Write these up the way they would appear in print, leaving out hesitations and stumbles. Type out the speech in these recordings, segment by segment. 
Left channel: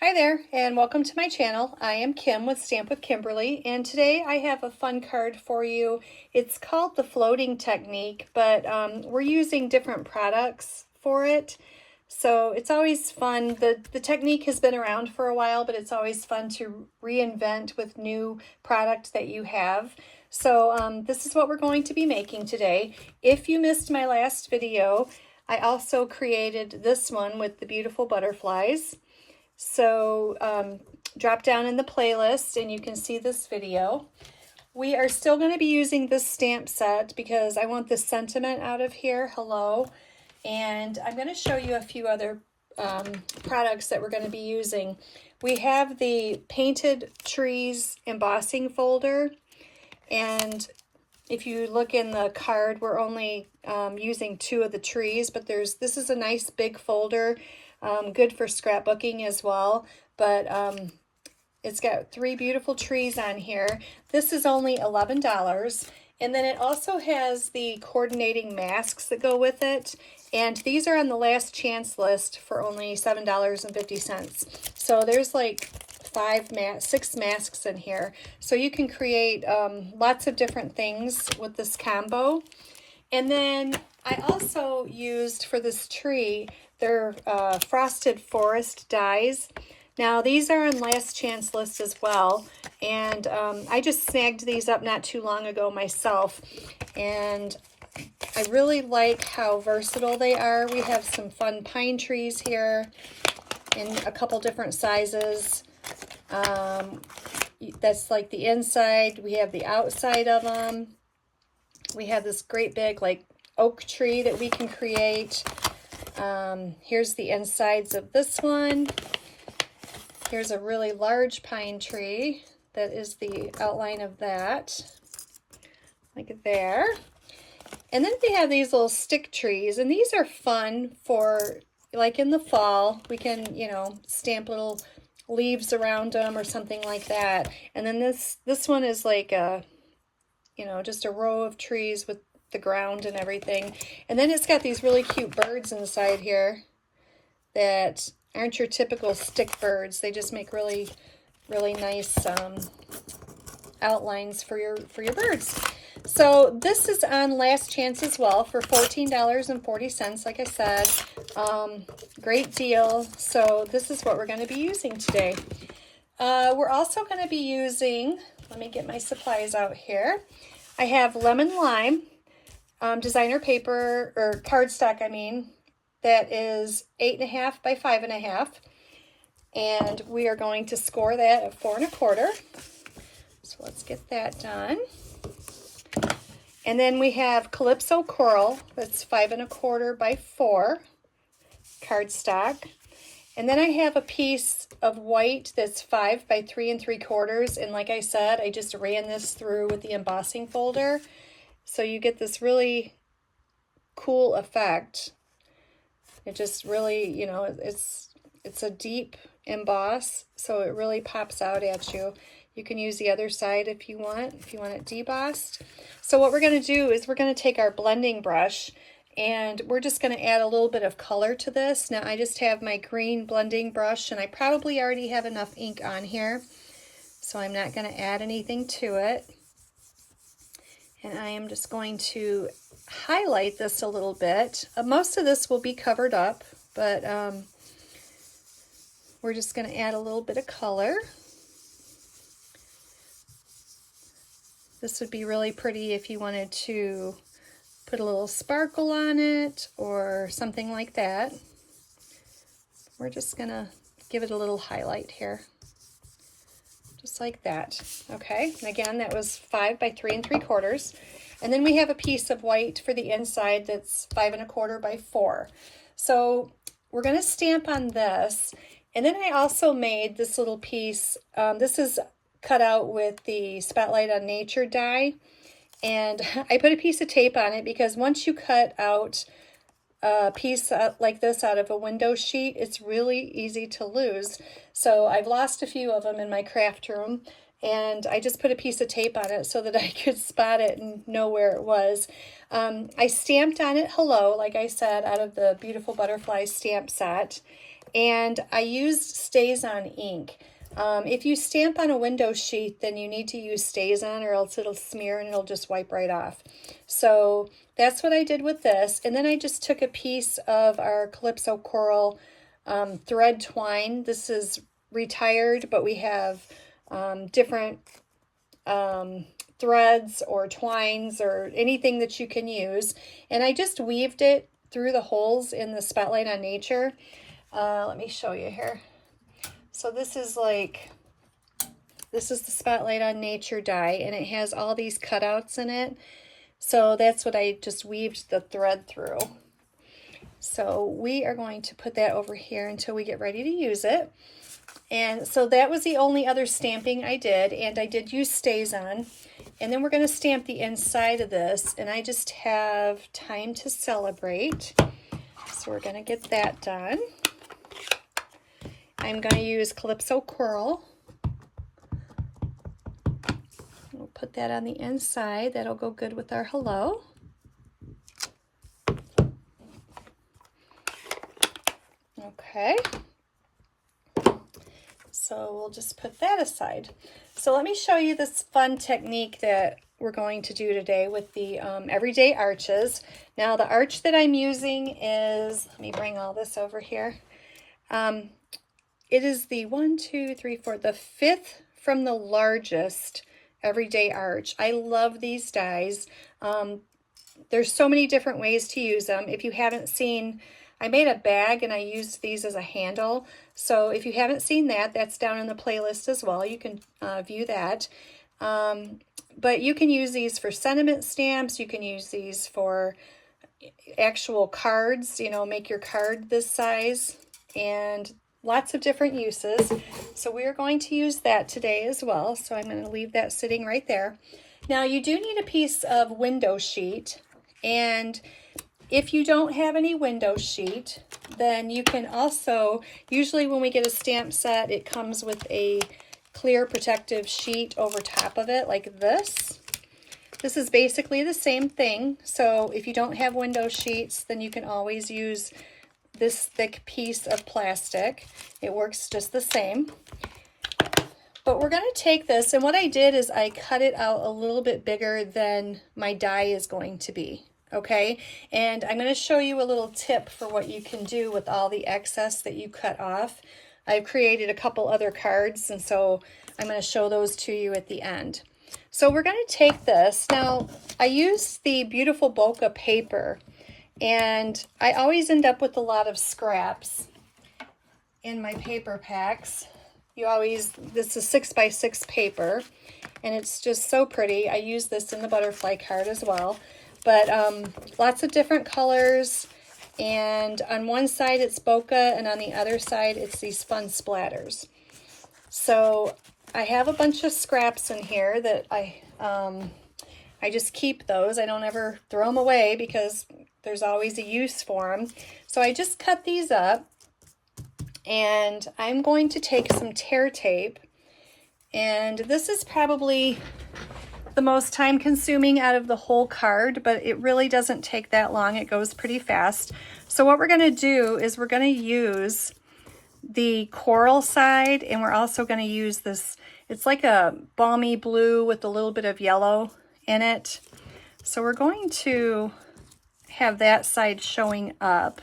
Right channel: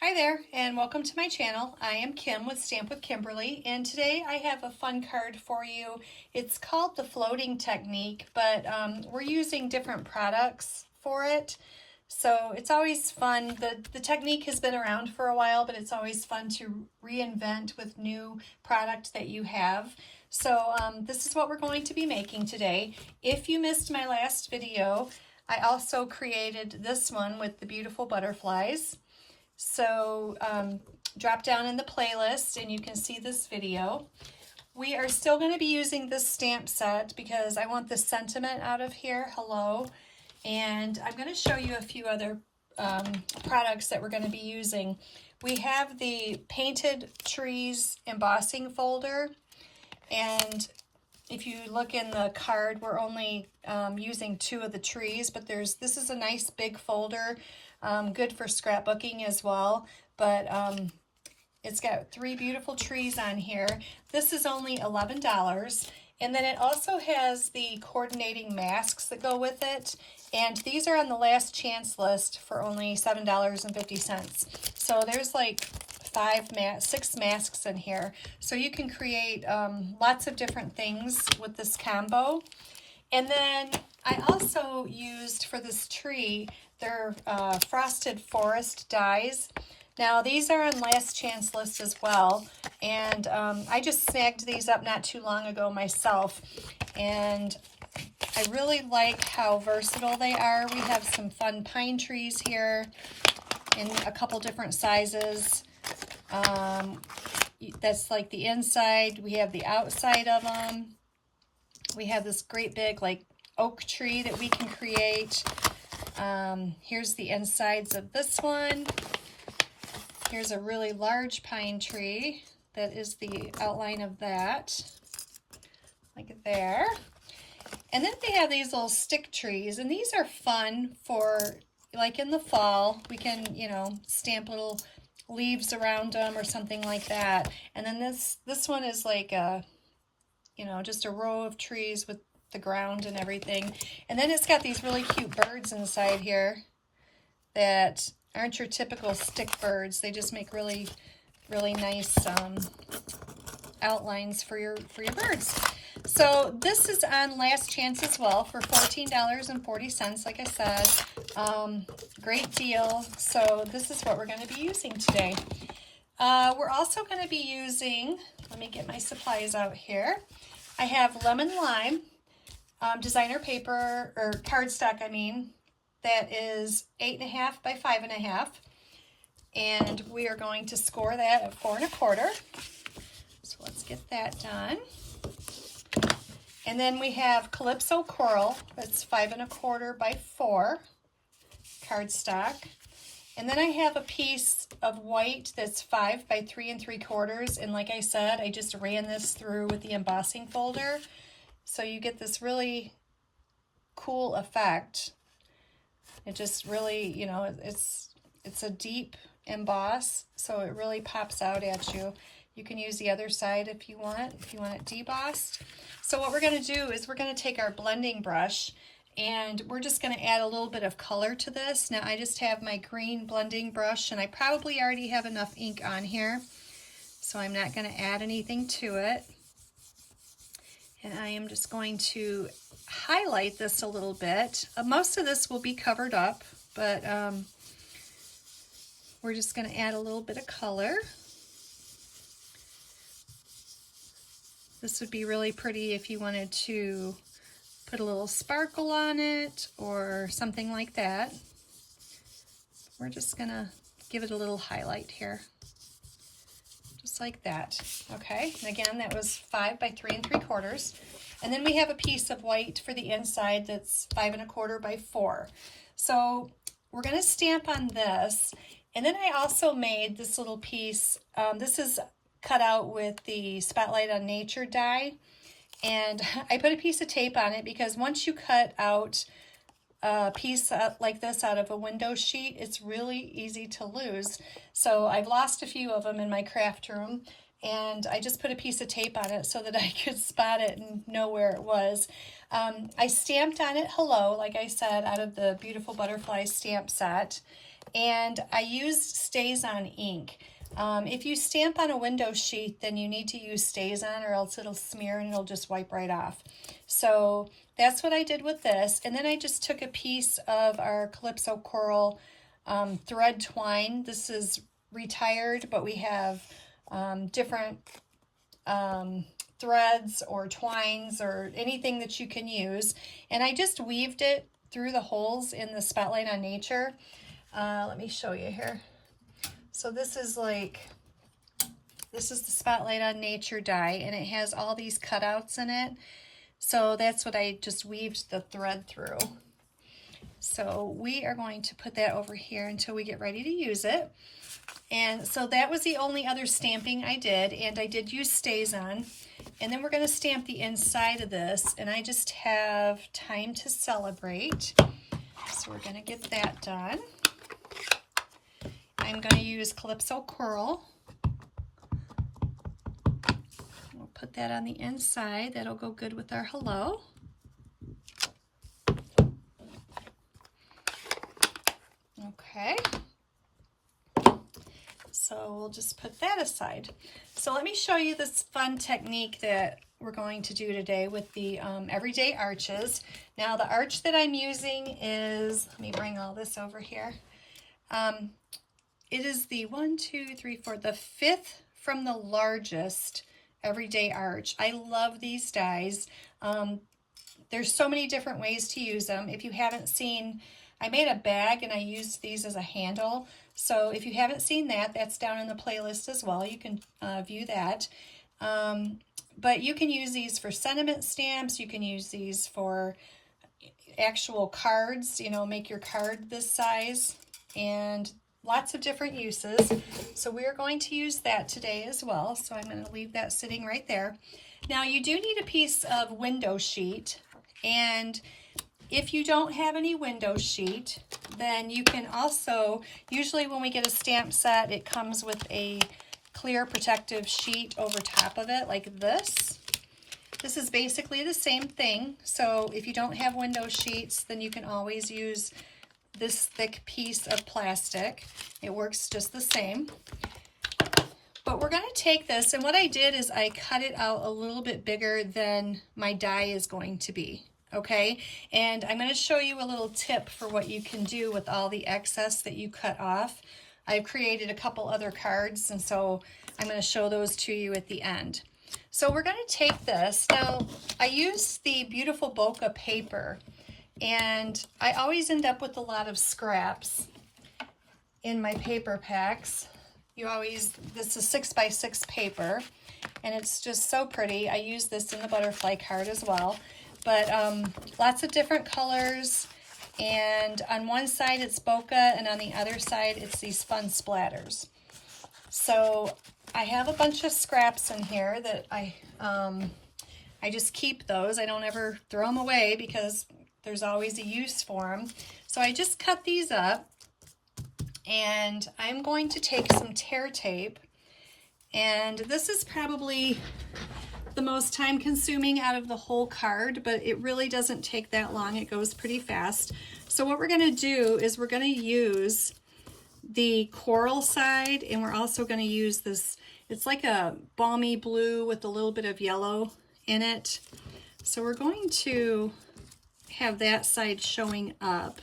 Hi there, and welcome to my channel. I am Kim with Stamp with Kimberly, and today I have a fun card for you. It's called the floating technique, but we're using different products for it. So it's always fun. The technique has been around for a while, but it's always fun to reinvent with new product that you have. So this is what we're going to be making today. If you missed my last video, I also created this one with the beautiful butterflies. So drop down in the playlist and you can see this video. We are still going to be using this stamp set because I want the sentiment out of here, hello. And I'm going to show you a few other products that we're going to be using. We have the Painted Trees embossing folder, and if you look in the card, we're only using 2 of the trees, but this is a nice big folder. Good for scrapbooking as well, but it's got 3 beautiful trees on here. This is only $11, and then it also has the coordinating masks that go with it, and these are on the last chance list for only $7.50. So there's like 6 masks in here, so you can create lots of different things with this combo. And then I also used for this tree, they're frosted forest dies. Now these are on last chance list as well, and I just snagged these up not too long ago myself, and I really like how versatile they are. We have some fun pine trees here in a couple different sizes. That's like the inside. We have the outside of them. We have this great big like oak tree that we can create. Here's the insides of this one. Here's a really large pine tree. That is the outline of that. Like there. And then we have these little stick trees, and these are fun for like in the fall. We can, you know, stamp little leaves around them or something like that. And then this one is like a, you know, just a row of trees with the ground and everything. And then it's got these really cute birds inside here that aren't your typical stick birds. They just make really, really nice outlines for your birds. So this is on last chance as well for $14.40. Like I said, great deal. So this is what we're going to be using today. We're also going to be using, let me get my supplies out here. I have lemon lime designer paper, or cardstock I mean, that is 8.5 by 5.5, and we are going to score that at 4 1/4. So let's get that done. And then we have Calypso Coral, that's 5 1/4 by 4 cardstock. And then I have a piece of white that's 5 by 3 3/4, and like I said, I just ran this through with the embossing folder. So you get this really cool effect. It just really, you know, it's a deep emboss, so it really pops out at you. You can use the other side if you want it debossed. So what we're going to do is we're going to take our blending brush, and we're just going to add a little bit of color to this. Now I just have my green blending brush, and I probably already have enough ink on here, so I'm not going to add anything to it. And I am just going to highlight this a little bit. Most of this will be covered up, but we're just going to add a little bit of color. This would be really pretty if you wanted to put a little sparkle on it or something like that. We're just going to give it a little highlight here. Just like that. Okay, and again, that was 5 by 3 3/4. And then we have a piece of white for the inside that's 5 1/4 by 4. So we're going to stamp on this. And then I also made this little piece. This is cut out with the Spotlight on Nature die. And I put a piece of tape on it because once you cut out a piece like this out of a window sheet, it's really easy to lose. So I've lost a few of them in my craft room, and I just put a piece of tape on it so that I could spot it and know where it was. I stamped on it hello, like I said, out of the Beautiful Butterfly stamp set. and I used StampWithKimberly ink. If you stamp on a window sheet, then you need to use StampWithKimberly or else it'll smear and it'll just wipe right off. So that's what I did with this. And then I just took a piece of our Calypso Coral thread twine. This is retired, but we have different threads or twines or anything that you can use. And I just weaved it through the holes in the Spotlight on Nature. Let me show you here. So this is the Spotlight on Nature die, and it has all these cutouts in it. So that's what I just weaved the thread through. So we are going to put that over here until we get ready to use it. And so that was the only other stamping I did, and I did use StampWithKimberly. And then we're going to stamp the inside of this, and I just have Time to Celebrate. So we're going to get that done. I'm going to use Calypso Coral. We'll put that on the inside. That'll go good with our hello. Okay. So we'll just put that aside. So let me show you this fun technique that we're going to do today with the everyday arches. Now the arch that I'm using is, let me bring all this over here. It is the the fifth from the largest everyday arch. I love these dies. There's so many different ways to use them. If you haven't seen, I made a bag and I used these as a handle. So if you haven't seen that, that's down in the playlist as well. You can view that. But you can use these for sentiment stamps. You can use these for actual cards, you know, make your card this size, and lots of different uses. So we are going to use that today as well. So I'm going to leave that sitting right there. Now you do need a piece of window sheet, and if you don't have any window sheet, then you can also, usually when we get a stamp set, it comes with a clear protective sheet over top of it like this. This is basically the same thing. So if you don't have window sheets, then you can always use this thick piece of plastic. It works just the same. But we're going to take this, and what I did is I cut it out a little bit bigger than my die is going to be. Okay, and I'm going to show you a little tip for what you can do with all the excess that you cut off. I've created a couple other cards, and so I'm going to show those to you at the end. So we're going to take this. Now, I use the beautiful Bokeh paper, and I always end up with a lot of scraps in my paper packs. This is 6x6 paper, and it's just so pretty. I use this in the butterfly card as well. But lots of different colors, and on one side it's Bokeh, and on the other side it's these fun splatters. So I have a bunch of scraps in here that I just keep those. I don't ever throw them away because there's always a use for them. So I just cut these up, and I'm going to take some tear tape, and this is probably the most time consuming out of the whole card, but it really doesn't take that long. It goes pretty fast. So what we're going to do is we're going to use the coral side, and we're also going to use this, it's like a balmy blue with a little bit of yellow in it. So we're going to have that side showing up.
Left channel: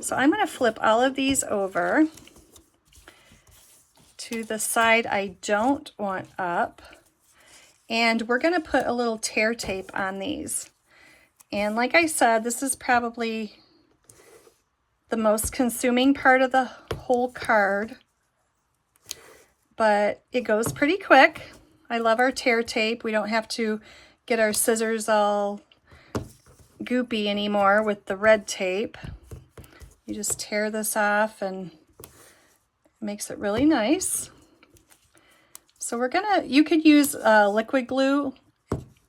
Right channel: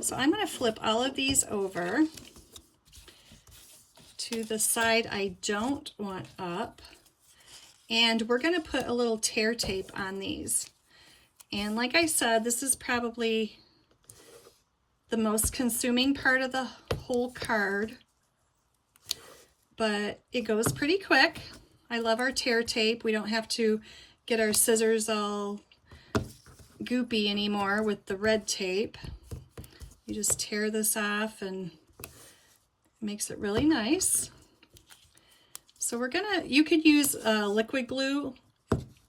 So I'm going to flip all of these over to the side I don't want up. And we're going to put a little tear tape on these. And like I said, this is probably the most consuming part of the whole card, but it goes pretty quick. I love our tear tape. We don't have to get our scissors all goopy anymore with the red tape. You just tear this off, and it makes it really nice. So you could use liquid glue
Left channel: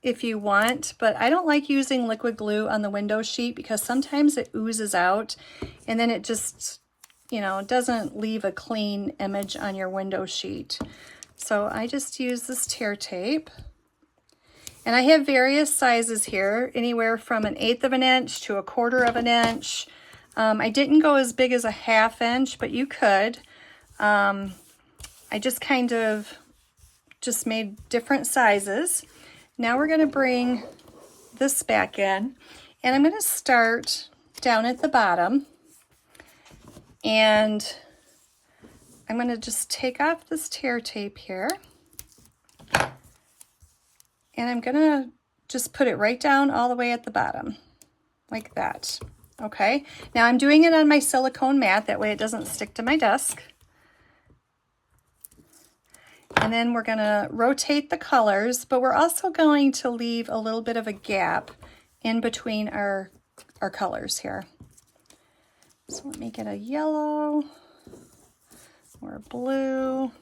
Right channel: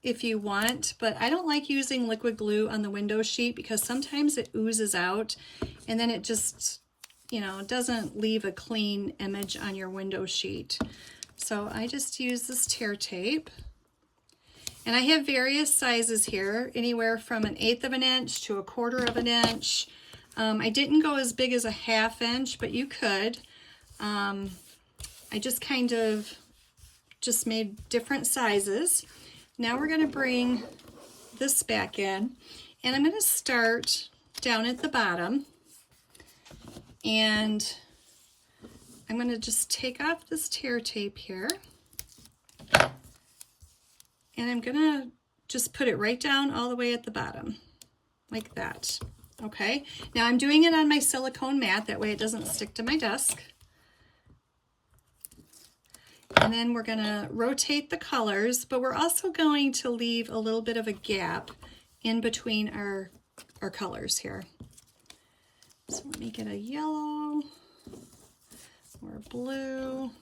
if you want, but I don't like using liquid glue on the window sheet because sometimes it oozes out, and then it just, you know, doesn't leave a clean image on your window sheet. So I just use this tear tape, and I have various sizes here, anywhere from 1/8 of an inch to 1/4 of an inch. I didn't go as big as a 1/2 inch, but you could. I just kind of just made different sizes. Now we're going to bring this back in, and I'm going to start down at the bottom, and I'm going to just take off this tear tape here, and I'm going to just put it right down all the way at the bottom, like that. Okay, now I'm doing it on my silicone mat, that way it doesn't stick to my desk. And then we're going to rotate the colors, but we're also going to leave a little bit of a gap in between our colors here. So let me get a yellow or a blue,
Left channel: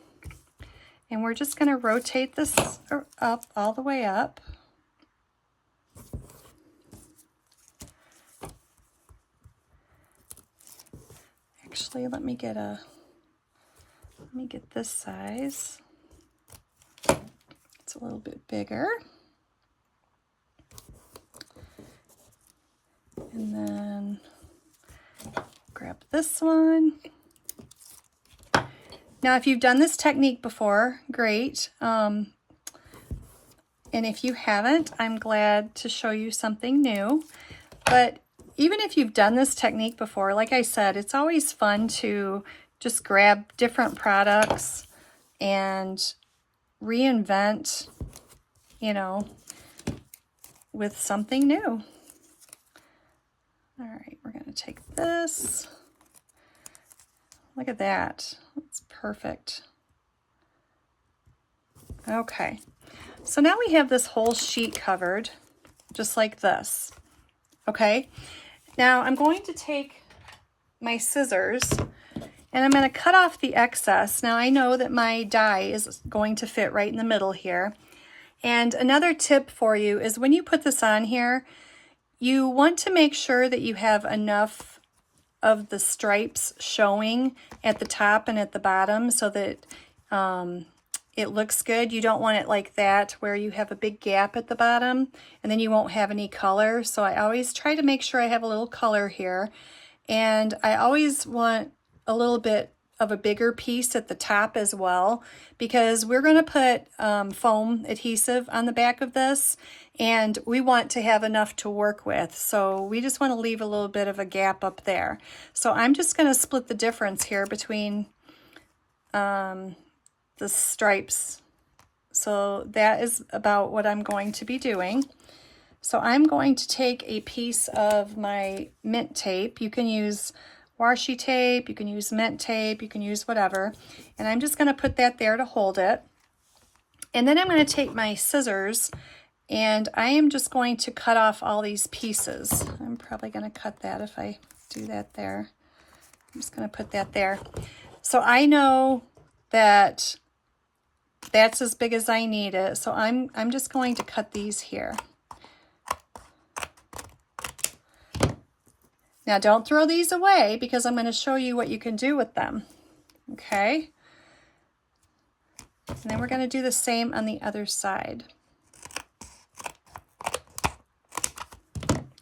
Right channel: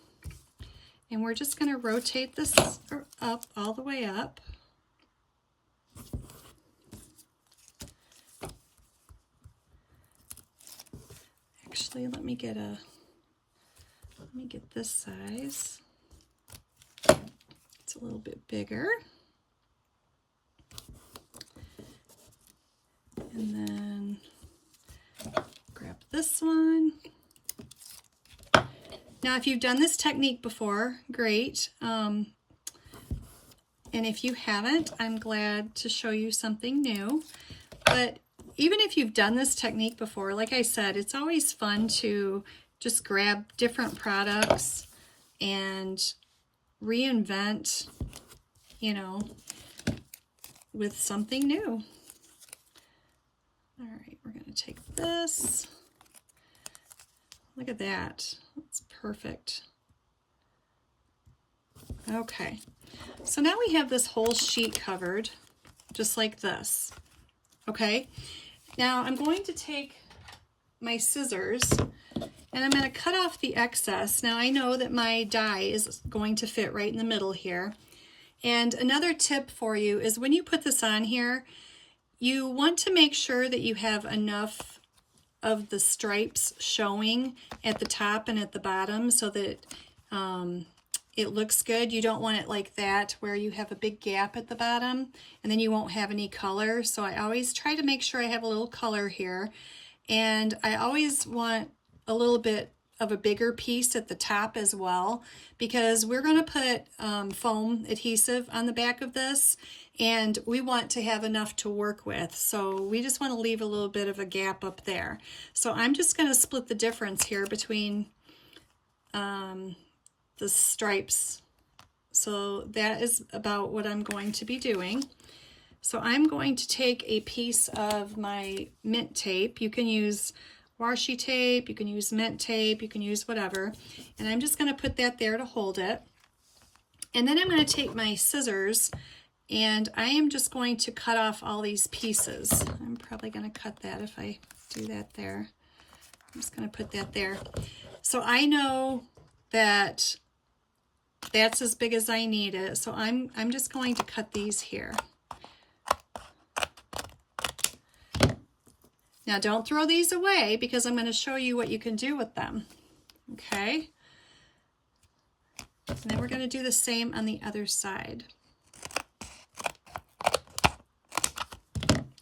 and we're just going to rotate this up all the way up. Actually, let me get this size. It's a little bit bigger. And then grab this one. Now, if you've done this technique before, great. And if you haven't, I'm glad to show you something new. But even if you've done this technique before, like I said, it's always fun to just grab different products and reinvent, you know, with something new. All right, we're going to take this. Look at that. That's perfect. Okay, so now we have this whole sheet covered, just like this. Okay, now I'm going to take my scissors and I'm going to cut off the excess. Now I know that my die is going to fit right in the middle here. And another tip for you is when you put this on here, you want to make sure that you have enough of the stripes showing at the top and at the bottom so that it looks good. You don't want it like that where you have a big gap at the bottom and then you won't have any color. So I always try to make sure I have a little color here. And I always want a little bit of a bigger piece at the top as well, because we're going to put foam adhesive on the back of this, and we want to have enough to work with. So we just want to leave a little bit of a gap up there. So I'm just going to split the difference here between the stripes. So that is about what I'm going to be doing. So I'm going to take a piece of my mint tape. You can use washi tape, you can use mint tape, you can use whatever. And I'm just going to put that there to hold it. And then I'm going to take my scissors and I am just going to cut off all these pieces. I'm probably going to cut that if I do that there. I'm just going to put that there. So I know that that's as big as I need it. So I'm just going to cut these here. Now don't throw these away because I'm going to show you what you can do with them. Okay? And then we're going to do the same on the other side.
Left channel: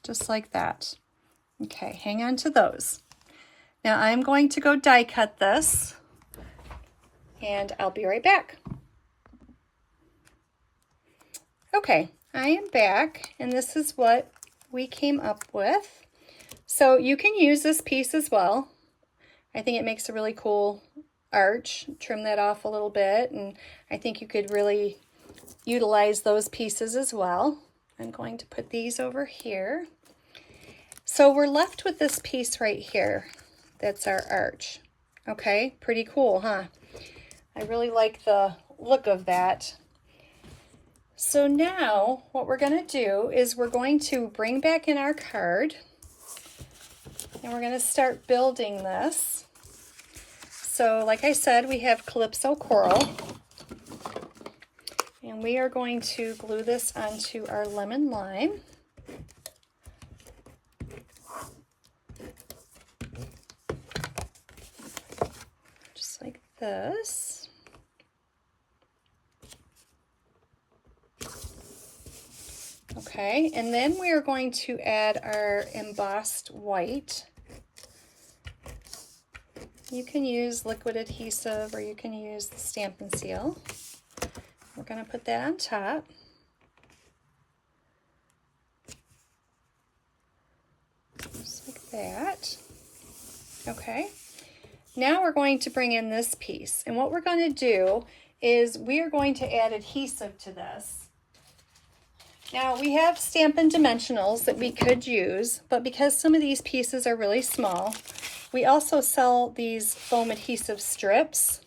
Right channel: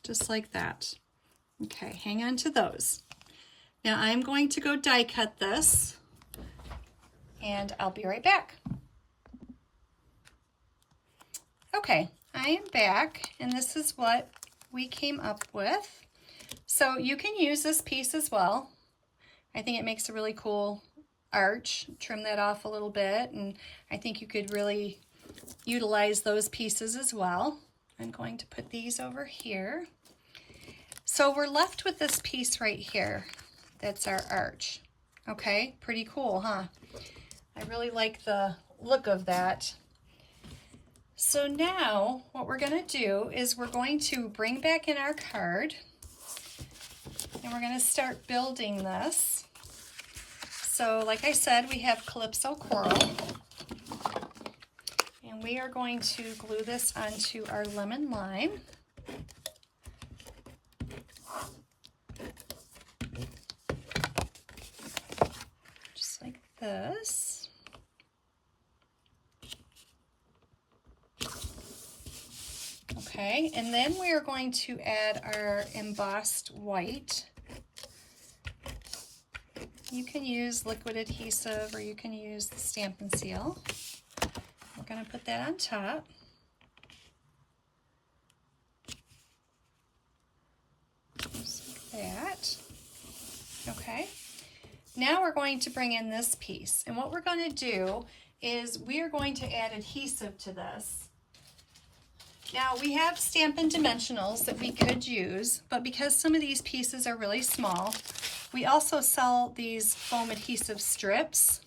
Just like that. Okay, hang on to those. Now I'm going to go die cut this, and I'll be right back. Okay, I am back, and this is what we came up with. So you can use this piece as well. I think it makes a really cool arch. Trim that off a little bit, and I think you could really utilize those pieces as well. I'm going to put these over here. So we're left with this piece right here. That's our arch. Okay, pretty cool, huh? I really like the look of that. So now what we're going to do is we're going to bring back in our card. And we're going to start building this. So like I said, we have Calypso Coral. And we are going to glue this onto our lemon lime. Just like this. Okay, and then we are going to add our embossed white. You can use liquid adhesive or you can use the Stamp and Seal. We're going to put that on top. Just like that. Okay. Now we're going to bring in this piece. And what we're going to do is we are going to add adhesive to this. Now we have Stampin' Dimensionals that we could use, but because some of these pieces are really small, we also sell these foam adhesive strips.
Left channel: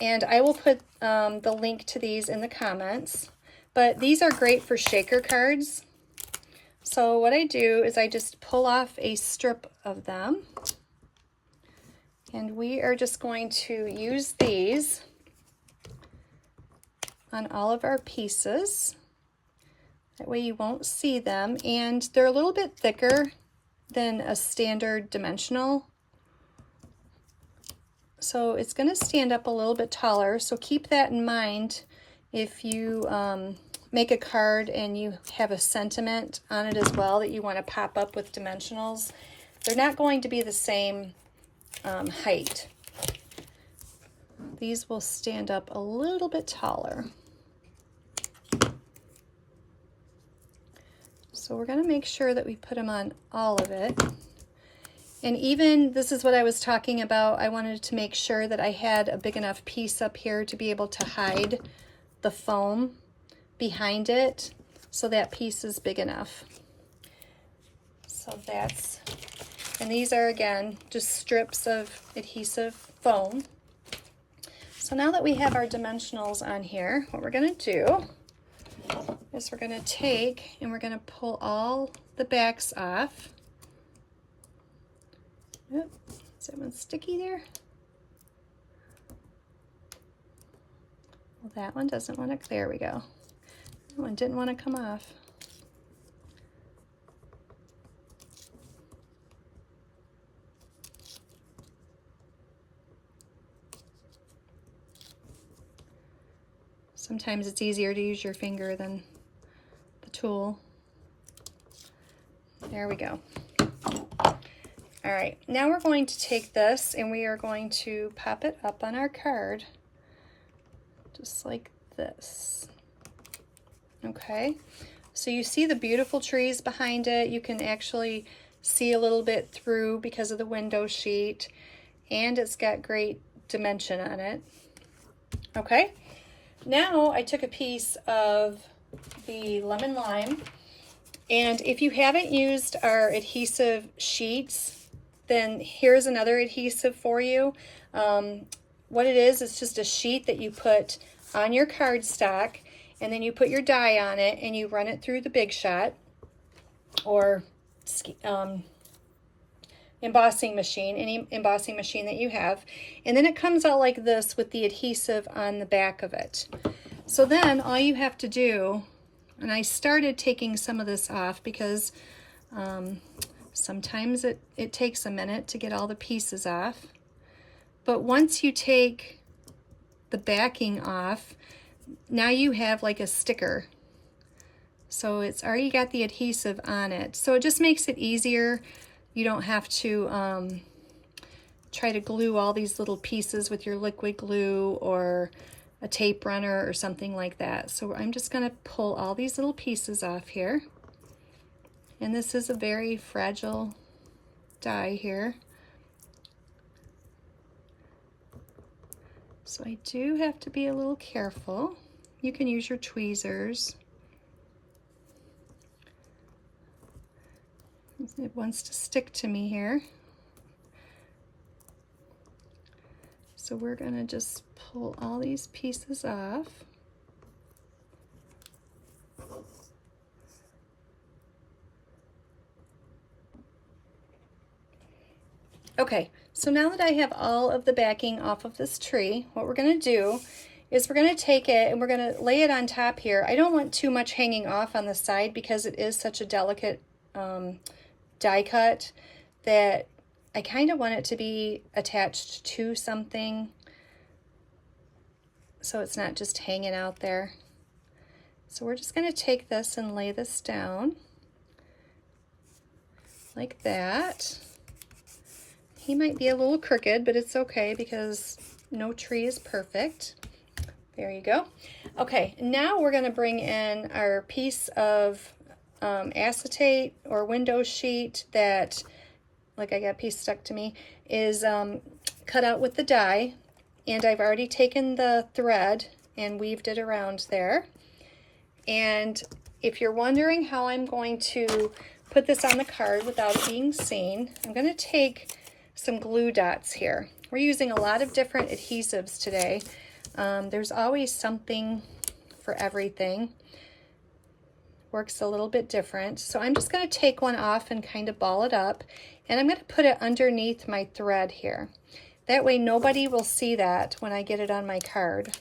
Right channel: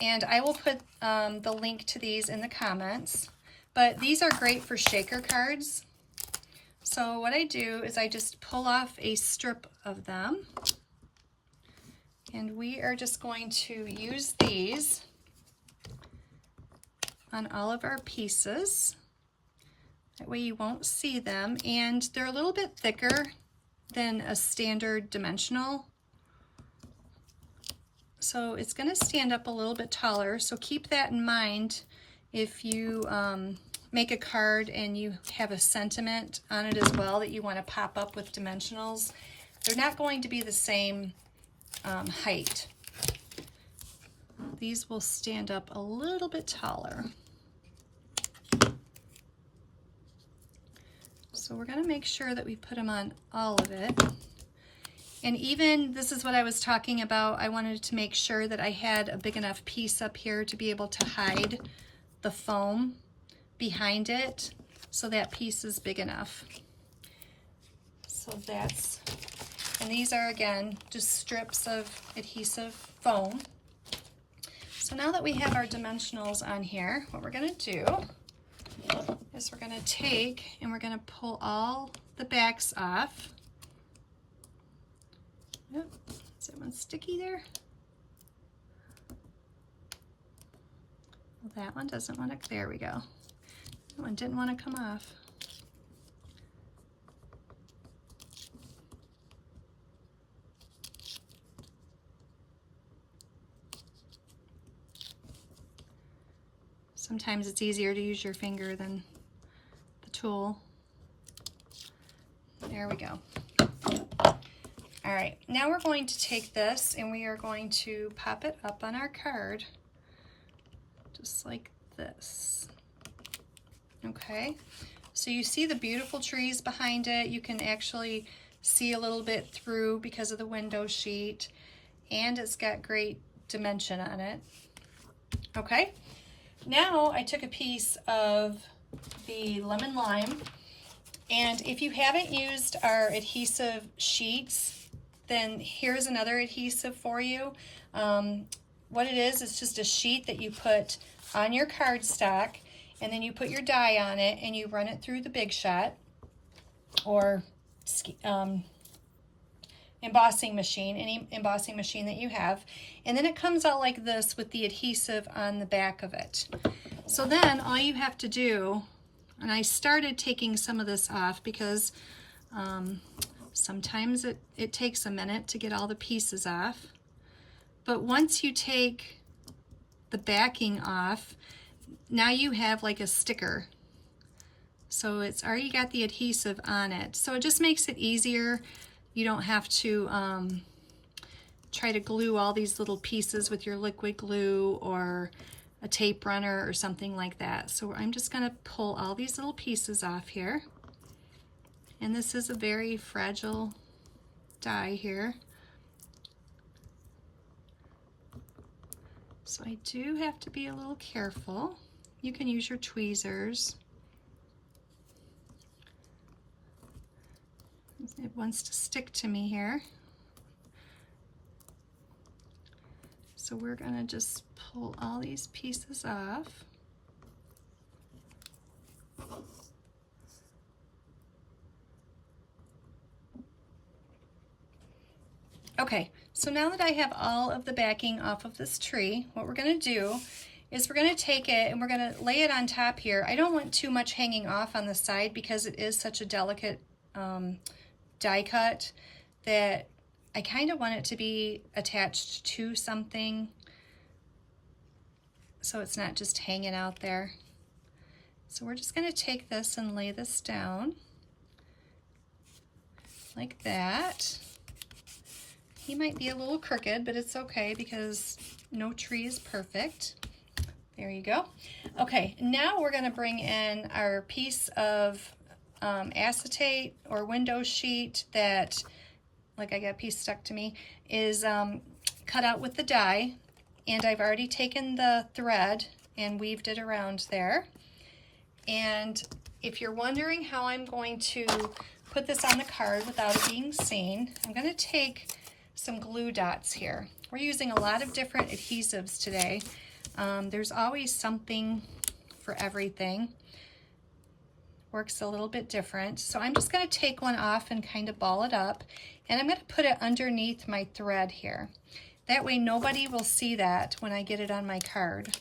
And I will put the link to these in the comments. But these are great for shaker cards. So what I do is I just pull off a strip of them. And we are just going to use these on all of our pieces. That way you won't see them. And they're a little bit thicker than a standard dimensional. So it's going to stand up a little bit taller. So keep that in mind if you make a card and you have a sentiment on it as well that you want to pop up with dimensionals. They're not going to be the same height. These will stand up a little bit taller. So we're going to make sure that we put them on all of it. And even, this is what I was talking about, I wanted to make sure that I had a big enough piece up here to be able to hide the foam behind it, so that piece is big enough. So that's, and these are again just strips of adhesive foam. So now that we have our dimensionals on here, what we're going to do is we're going to take and we're going to pull all the backs off. Yep. Is that one sticky there? Well, that one doesn't want to, there we go. That one didn't want to come off. Sometimes it's easier to use your finger than the tool. There we go. All right, now we're going to take this and we are going to pop it up on our card, just like this. Okay, so you see the beautiful trees behind it. You can actually see a little bit through because of the window sheet, and it's got great dimension on it. Okay, now I took a piece of the lemon lime, and if you haven't used our adhesive sheets, then here's another adhesive for you. What it is, it's just a sheet that you put on your cardstock, and then you put your die on it and you run it through the Big Shot or embossing machine, any embossing machine that you have, and then it comes out like this with the adhesive on the back of it. So then all you have to do, and I started taking some of this off because sometimes it takes a minute to get all the pieces off, but once you take the backing off, now you have like a sticker. So it's already got the adhesive on it. So it just makes it easier. You don't have to try to glue all these little pieces with your liquid glue or a tape runner or something like that. So I'm just going to pull all these little pieces off here. And this is a very fragile die here. So I do have to be a little careful. You can use your tweezers. It wants to stick to me here. So we're going to just pull all these pieces off. Okay, so now that I have all of the backing off of this tree, what we're going to do is we're going to take it and we're going to lay it on top here. I don't want too much hanging off on the side because it is such a delicate die cut that I kind of want it to be attached to something so it's not just hanging out there. So we're just going to take this and lay this down like that. He might be a little crooked, but it's okay because no tree is perfect. There you go. Okay, now we're going to bring in our piece of acetate or window sheet that, like I got a piece stuck to me, is cut out with the die. And I've already taken the thread and weaved it around there. And if you're wondering how I'm going to put this on the card without it being seen, I'm going to take some glue dots here. We're using a lot of different adhesives today. There's always something for everything. Works a little bit different. So I'm just going to take one off and kind of ball it up, and I'm going to put it underneath my thread here. That way nobody will see that when I get it on my card.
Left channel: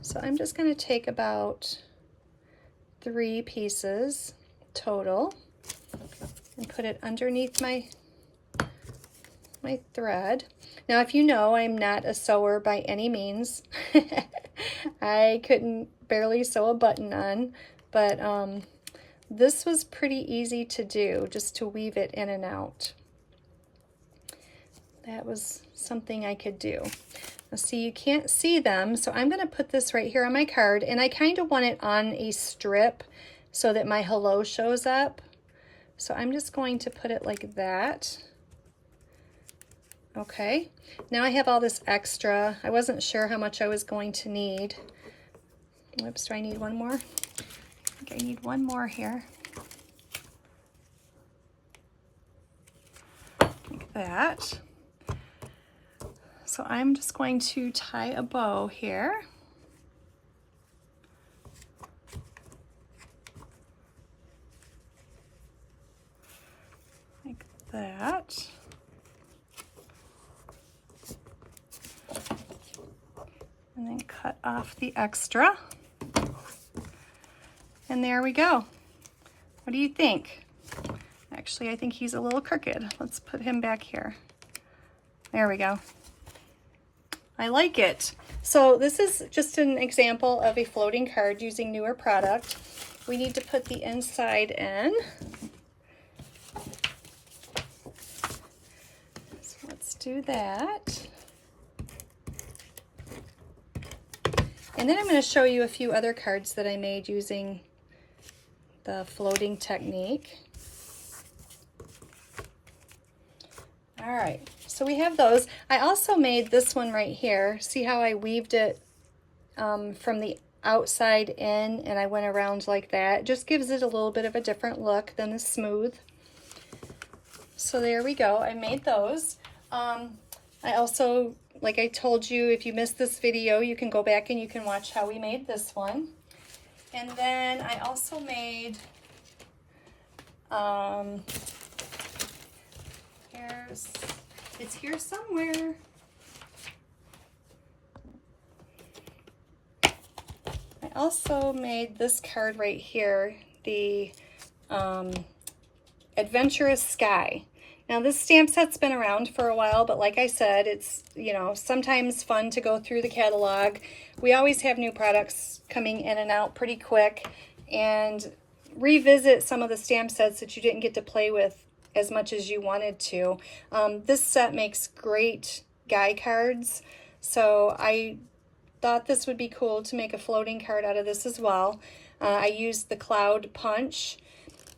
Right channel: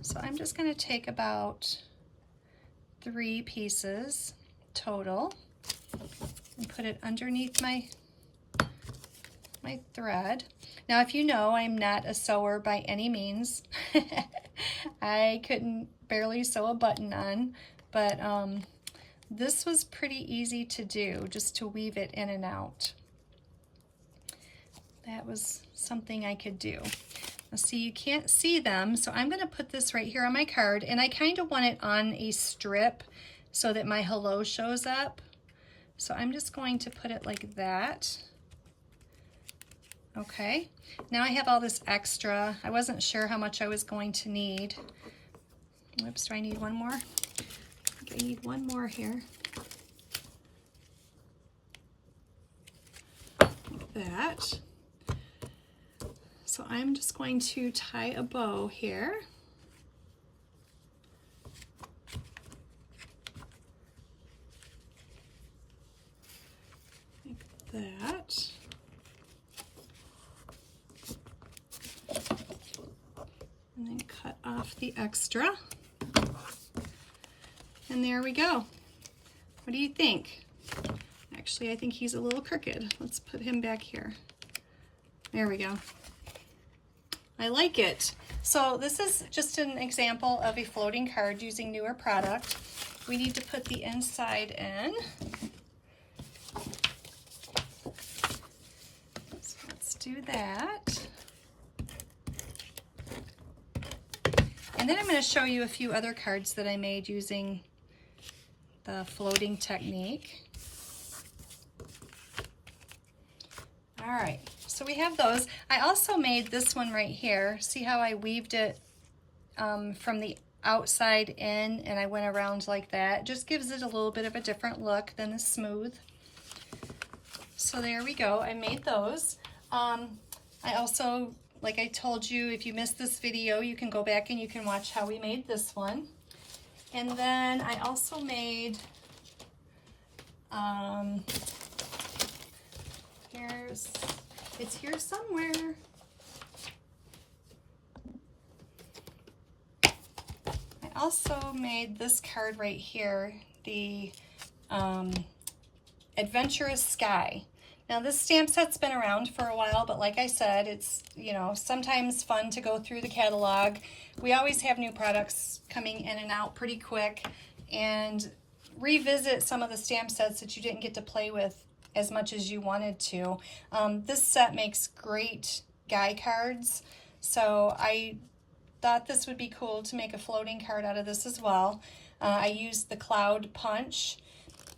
So I'm just going to take about 3 pieces total and put it underneath my thread. Now, if you know, I'm not a sewer by any means. I couldn't barely sew a button on, but this was pretty easy to do, just to weave it in and out. That was something I could do. Now, see, you can't see them, so I'm going to put this right here on my card, and I kind of want it on a strip so that my hello shows up. So I'm just going to put it like that. Okay, now I have all this extra. I wasn't sure how much I was going to need. Oops, do I need one more? I think I need one more here. Like that. So I'm just going to tie a bow here. Like that. And then cut off the extra. And there we go. What do you think? Actually, I think he's a little crooked. Let's put him back here. There we go. I like it. So this is just an example of a floating card using newer product. We need to put the inside in. So let's do that. And then I'm going to show you a few other cards that I made using the floating technique. All right, so we have those. I also made this one right here. See how I weaved it from the outside in, and I went around like that. It just gives it a little bit of a different look than the smooth. So there we go. I made those. I also, like I told you, if you missed this video, you can go back and you can watch how we made this one. And then I also made, it's here somewhere. I also made this card right here, the Adventurous Sky. Now this stamp set's been around for a while, but like I said, it's, you know, sometimes fun to go through the catalog. We always have new products coming in and out pretty quick, and revisit some of the stamp sets that you didn't get to play with as much as you wanted to. This set makes great guy cards, so I thought this would be cool to make a floating card out of this as well. I used the cloud punch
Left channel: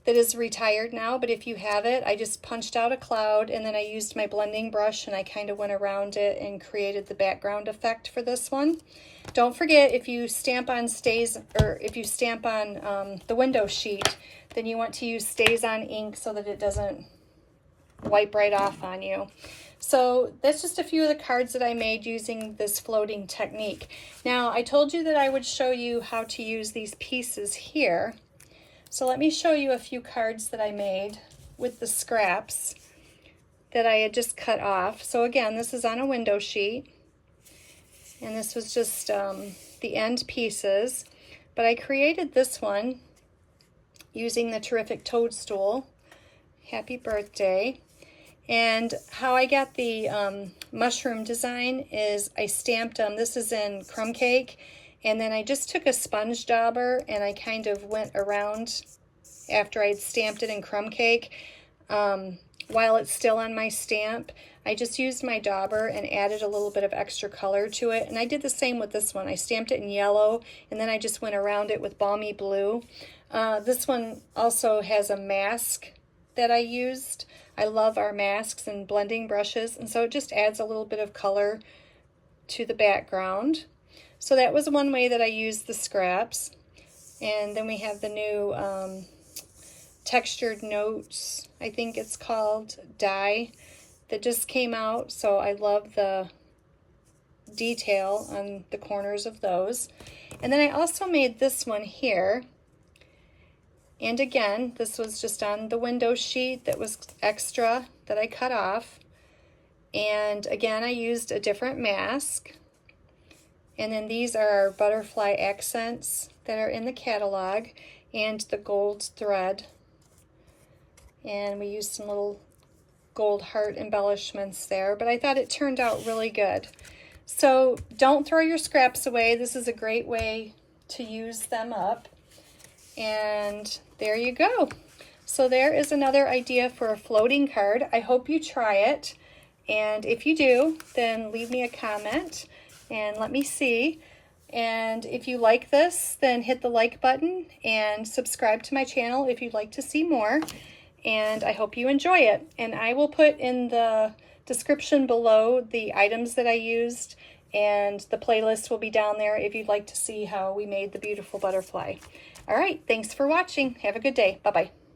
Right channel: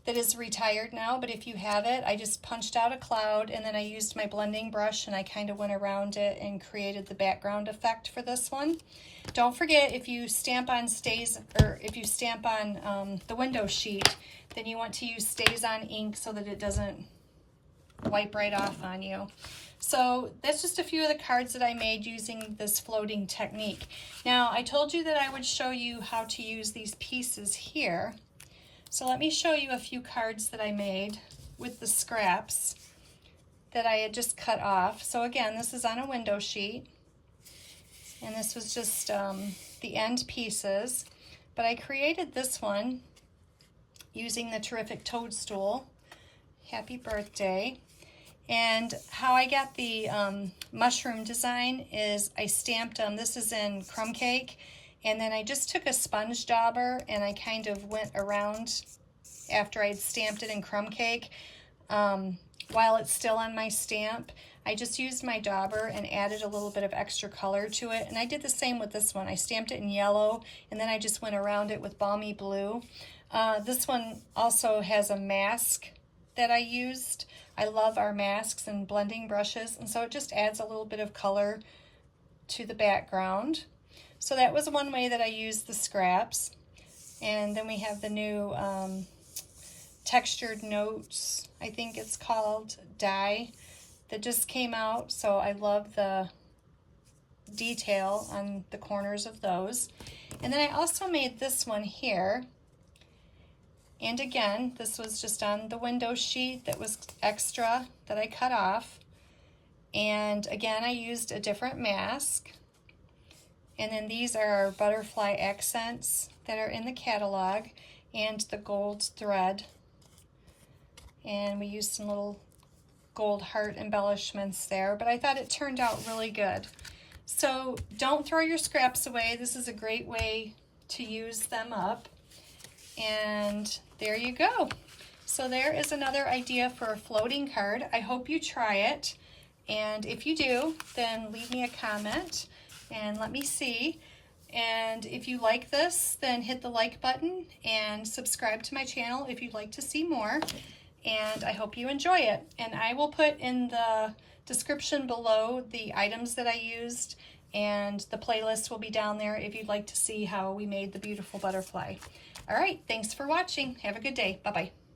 that is retired now, but if you have it, I just punched out a cloud, and then I used my blending brush and I kind of went around it and created the background effect for this one. Don't forget, if you stamp on if you stamp on the window sheet, then you want to use stays on ink so that it doesn't wipe right off on you. So that's just a few of the cards that I made using this floating technique. Now, I told you that I would show you how to use these pieces here. So let me show you a few cards that I made with the scraps that I had just cut off. So again, this is on a window sheet, and this was just the end pieces. But I created this one using the Terrific Toadstool. Happy birthday. And how I got the mushroom design is I stamped them. This is in crumb cake. And then I just took a sponge dauber and I kind of went around after I'd stamped it in crumb cake while it's still on my stamp, I just used my dauber and added a little bit of extra color to it. And I did the same with this one. I stamped it in yellow, and then I just went around it with balmy blue. This one also has a mask that I used. I love our masks and blending brushes, and so it just adds a little bit of color to the background. So that was one way that I used the scraps. And then we have the new Textured Notes, I think it's called, die that just came out. So I love the detail on the corners of those. And then I also made this one here. And again, this was just on the window sheet that was extra that I cut off. And again, I used a different mask. And then these are our butterfly accents that are in the catalog and the gold thread. And we used some little gold heart embellishments there, but I thought it turned out really good. So don't throw your scraps away. This is a great way to use them up. And there you go. So there is another idea for a floating card. I hope you try it. And if you do, then leave me a comment and let me see. And if you like this, then hit the like button and subscribe to my channel if you'd like to see more. And I hope you enjoy it. And I will put in the description below the items that I used, and the playlist will be down there if you'd like to see how we made the beautiful butterfly. All right, thanks for watching. Have a good day. Bye-bye.